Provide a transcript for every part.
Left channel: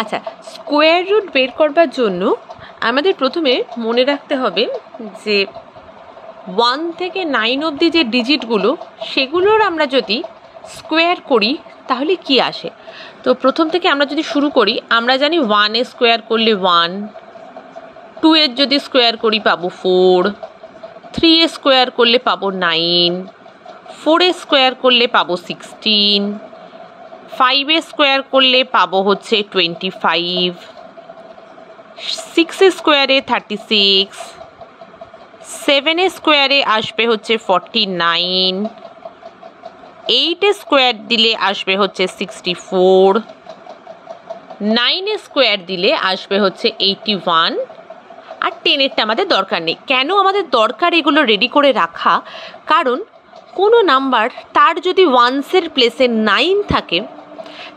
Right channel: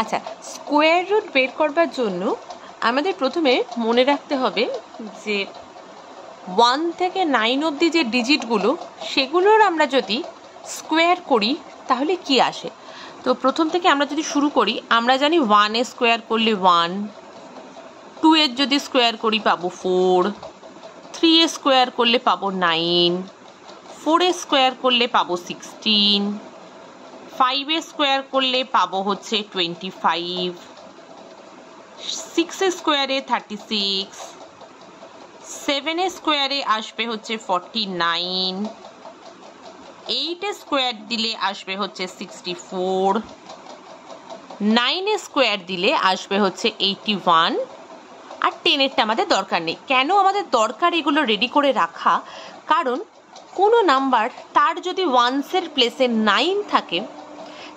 আচ্ছা, square root বের করবার জন্য আমাদের প্রথমে মনে রাখতে হবে যে 1 থেকে 9 অবধি যে ডিজিটগুলো সেগুলোর আমরা যদি স্কোয়ার করি তাহলে কি আসে। তো প্রথম থেকে আমরা যদি শুরু করি, আমরা জানি 1 এর স্কোয়ার করলে 1, 2 এর যদি স্কোয়ার করি পাবো 4, 3 এর স্কোয়ার করলে পাবো 9, 4 এর স্কোয়ার করলে পাবো 16, 5 এর স্কোয়ার করলে পাবো হচ্ছে 25, 6 এর স্কোয়ারে 36, 7 এর স্কোয়ারে আসবে হচ্ছে 49, 8 এর স্কোয়ার দিলে আসবে হচ্ছে 64, 9 এর স্কোয়ার দিলে আসবে হচ্ছে 81, আর 10 এরটা আমাদের দরকার নেই। কেন আমাদের দরকার এগুলো রেডি করে রাখা? কারণ কোনো নাম্বার তার যদি ওয়ান্সের প্লেসে 9 থাকে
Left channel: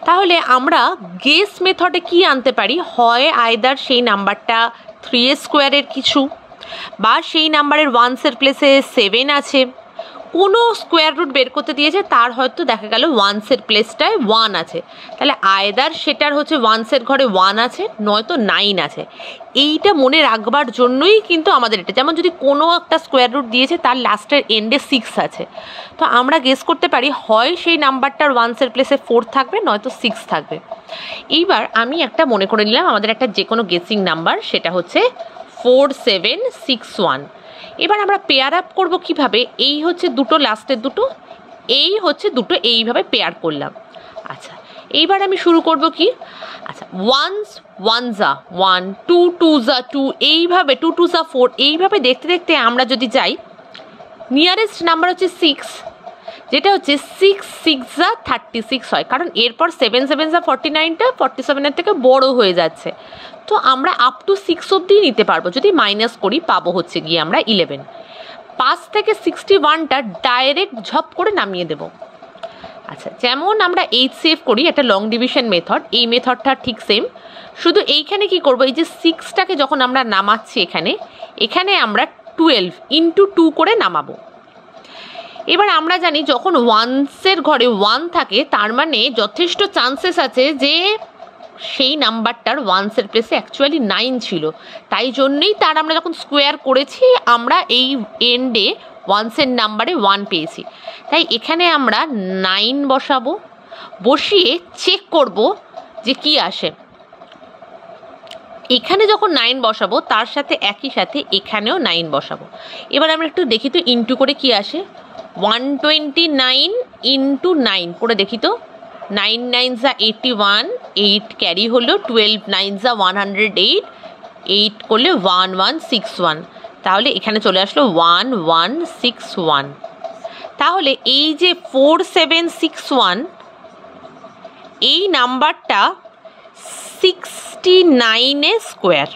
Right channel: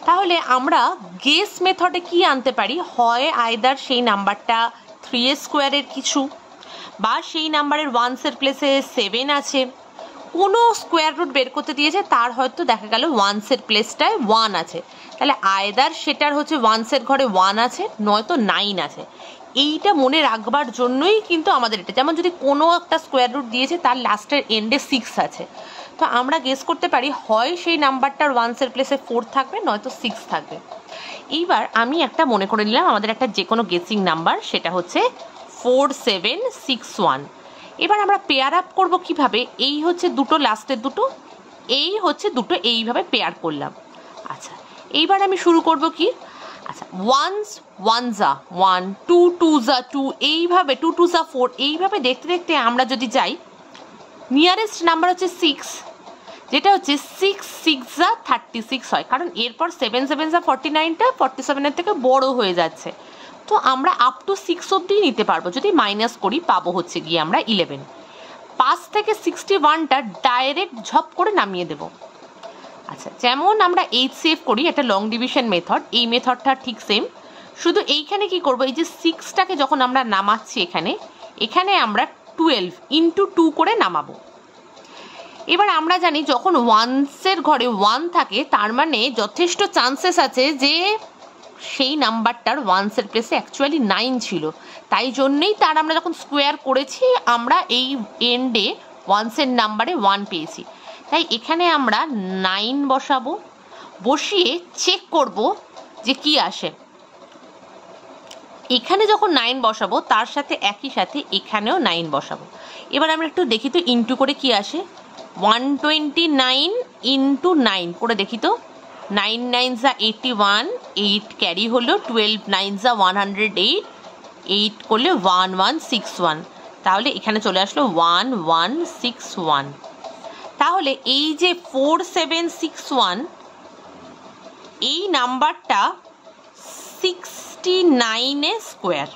তাহলে আমরা গেস মেথডে কি আনতে পারি, হয় আইদার সেই নাম্বারটা 3 এর স্কোয়ারের কিছু, বা সেই নাম্বারের ওয়ান্সের প্লেসে 7 আছে, কোনো স্কোয়ার রুট বের করতে দিয়েছে তার হয়তো দেখা গেল ওয়ান্সের প্লেসটায় 1 আছে, তাহলে আইদার সেটার হচ্ছে ওয়ান্সের ঘরে 1 আছে নয়তো 9 আছে। এইটা মনে রাখবার জন্যই কিন্তু আমাদের এটা, যেমন যদি কোনো একটা স্কোয়ার রুট দিয়েছে তার লাস্টের এন্ডে 6 আছে, তো আমরা গেস করতে পারি হয় সেই নাম্বারটার ওয়ান্সের প্লেসে 4 থাকবে নয়তো 6 থাকবে। এইবার আমি একটা মনে করে নিলাম আমাদের একটা যে কোনো গেসিং নাম্বার, সেটা হচ্ছে 4761। এবার আমরা পেয়ার আপ করবো কিভাবে, এই হচ্ছে দুটো লাস্টের দুটো, এই হচ্ছে দুটো, এইভাবে পেয়ার করলাম। আচ্ছা, এইবার আমি শুরু করব কি, আচ্ছা 1s 1 1, 2 2 2, এইভাবে 2 2 4, এইভাবে দেখতে দেখতে আমরা যদি যাই, নিয়ারেস্ট নাম্বার হচ্ছে 6, যেটা হচ্ছে 6 6 36 হয়, কারণ এরপর 7 7 49টা 47-এর থেকে বড় হয়ে যাচ্ছে, তো আমরা আপ টু 6 অবধি নিতে পারবো। যদি মাইনাস করি পাবো হচ্ছে গিয়ে আমরা 11। 5 থেকে 61টা ডাইরেক্ট ঝপ করে নামিয়ে দেব। আচ্ছা, যেমন আমরা HCF করি, একটা লং ডিভিশন মেথড, এই মেথডটা ঠিক সেম, শুধু এইখানে কি করব, এই যে 6টাকে যখন আমরা নামাচ্ছি এখানে আমরা 12 ইন্টু 2 করে নামাবো। এবার আমরা জানি যখন ওয়ান্সের ঘরে 1 থাকে তার মানে যথেষ্ট চান্সেস আছে যে সেই নাম্বারটার ওয়ান্সের প্লেসে অ্যাকচুয়ালি 9 ছিল, তাই জন্যেই তার আমরা যখন স্কোয়ার করেছি আমরা এই এন্ডে ওয়ান্সের নাম্বারে 1 পেয়েছি, তাই এখানে আমরা 9 বসাবো, বসিয়ে চেক করব যে কি আসে। এখানে যখন 9 বসাবো তার সাথে একই সাথে এখানেও 9 বসাবো। এবার আমরা একটু দেখি তো ইন্টু করে কি আসে, 129 ইন্টু 9 করে দেখি তো, 9 9 81, 8 ক্যারি হলো, 12 9 108, 8 করলে 1161, তাহলে এখানে চলে আসলো 1161। তাহলে এই যে 4761 এই নাম্বারটা 69 এর স্কোয়ার।